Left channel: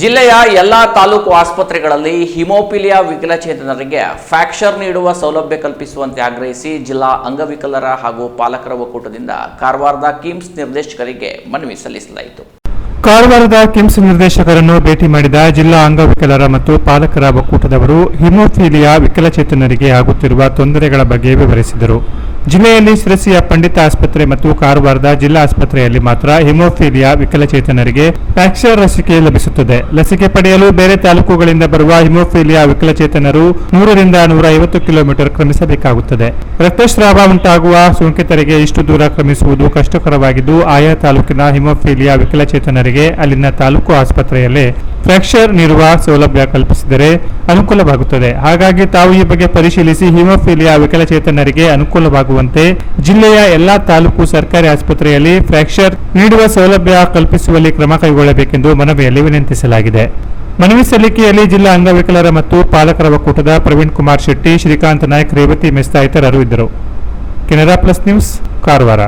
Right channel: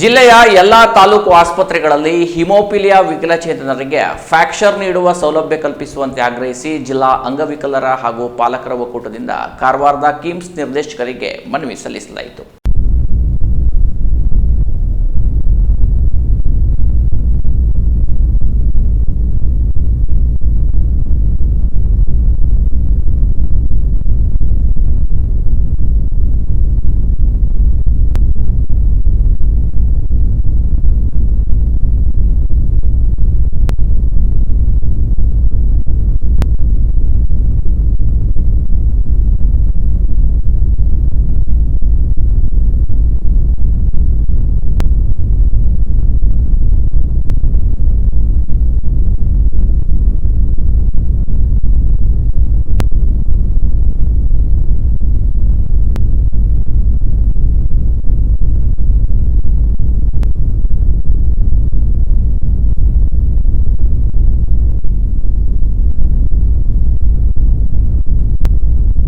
ಜಿಲ್ಲೆಯ ಎಲ್ಲಾ ತಾಲೂಕು ಆಸ್ಪತ್ರೆಗಳಲ್ಲಿ ಹಿಮೋಪಿಲಿಯಾ ವಿಕಲಚೇತನರಿಗೆ ಫ್ಯಾಕ್ಚರ್ ನೀಡುವ ಸೌಲಭ್ಯ ಕಲ್ಪಿಸುವಂತೆ ಆಗ್ರಹಿಸಿ ಜಿಲ್ಲಾ ಅಂಗವಿಕಲರ ಹಾಗೂ ಪಾಲಕರ ಒಕ್ಕೂಟದಿಂದ ಕಾರವಾರದ ಕಿಮ್ಸ್ ನಿರ್ದೇಶಕರಿಗೆ ಮನವಿ ಸಲ್ಲಿಸಲಾಯಿತು. ಕಾರವಾರದ ಕಿಮ್ಸ್ ನಿರ್ದೇಶಕರನ್ನು ಭೇಟಿ ಮಾಡಿದ ಜಿಲ್ಲಾ ಅಂಗವಿಕಲರ ಮತ್ತು ಪಾಲಕರ ಒಕ್ಕೂಟದವರು ಹಿಮೋಫಿಲಿಯಾ ವಿಕಲಚೇತನರಿಗೆ ಆಗುತ್ತಿರುವ ತೊಂದರೆಗಳ ಬಗ್ಗೆ ವಿವರಿಸಿದರು. ಜಿಲ್ಲೆಯಲ್ಲಿ ಶಿರಸಿಯ ಪಂಡಿತ ಆಸ್ಪತ್ರೆ ಮತ್ತು ಕಾರವಾರದ ಜಿಲ್ಲಾ ಆಸ್ಪತ್ರೆಯಲ್ಲಿ ಮಾತ್ರ ಹಿಮೋಫೀಲಿಯಾ ವಿಕಲಚೇತನರಿಗೆ ಪ್ಯಾಕ್ಸರ್ ಲಸಿಕೆ ಲಭಿಸುತ್ತದೆ. ಲಸಿಕೆ ಪಡೆಯಲು ಬೇರೆ ತಾಲೂಕುಗಳಿಂದ ಬರುವ ಹಿಮೋಫೀಲಿಯಾ ವಿಕಲಚೇತನರು ನೂರರಿಂದ ನೂರ ಐವತ್ತು ಕಿಲೋಮೀಟರ್ ಕ್ರಮಿಸಬೇಕಾಗುತ್ತದೆ. ರಕ್ತಸ್ರಾವ ಉಂಟಾಗುವ ಸೋಂಕಿತರಿಗೆ ಇಷ್ಟು ದೂರ ಕ್ರಮಿಸುವುದು ಕಷ್ಟಕರವಾಗಿದ್ದು, ಆಯಾ ತಾಲೂಕಿನ ಹಿಮೋಫೀಲಿಯಾ ವಿಕಲಚೇತನರಿಗೆ ಅಲ್ಲಿನ ತಾಲೂಕು ಆಸ್ಪತ್ರೆಯಲ್ಲೇ ಫ್ರಾಕ್ಚರ್ ನೀಡುವ ಸೌಲಭ್ಯ ಕಲ್ಪಿಸಿದರೆ ಅನುಕೂಲವಾಗುತ್ತದೆ. ಹಾಗಾಗಿ ತಾವು ಈ ಬಗ್ಗೆ ಪರಿಶೀಲಿಸಿ ಹಿಮೋಫೀಲಿಯಾ ವಿಕಲಚೇತನರಿಗೆ ಅನುಕೂಲವಾಗುವಂತೆ ಜಿಲ್ಲೆಯ ಎಲ್ಲಾ ತಾಲೂಕು ಸರ್ಕಾರಿ ಆಸ್ಪತ್ರೆಯಲ್ಲಿ ಫ್ರಾಕ್ಚರ್ ನೀಡುವ ಸೌಲಭ್ಯ ಕಲ್ಪಿಸುವಲ್ಲಿ ಕ್ರಮ ಕೈಗೊಳ್ಳಬೇಕೆಂದು ಮನವಿಯಲ್ಲಿ ವಿನಂತಿಸಲಾಗಿದೆ. ಮನವಿ ಸಲ್ಲಿಕೆಯಲ್ಲಿ ಜಿಲ್ಲಾ ಅಂಗವಿಕಲರ ಮತ್ತು ಪಾಲಕರ ಒಕ್ಕೂಟದ ಪ್ರವೀಣ್ ಕುಮಾರ್ ಶೆಟ್ಟಿ, ಶ್ರೀಕಾಂತ್ ನಾಯಕ್, ರೇವತಿ ಮೆಸ್ತಾ ಇತರರು ಇದ್ದರು. Canara plus news, Karwar.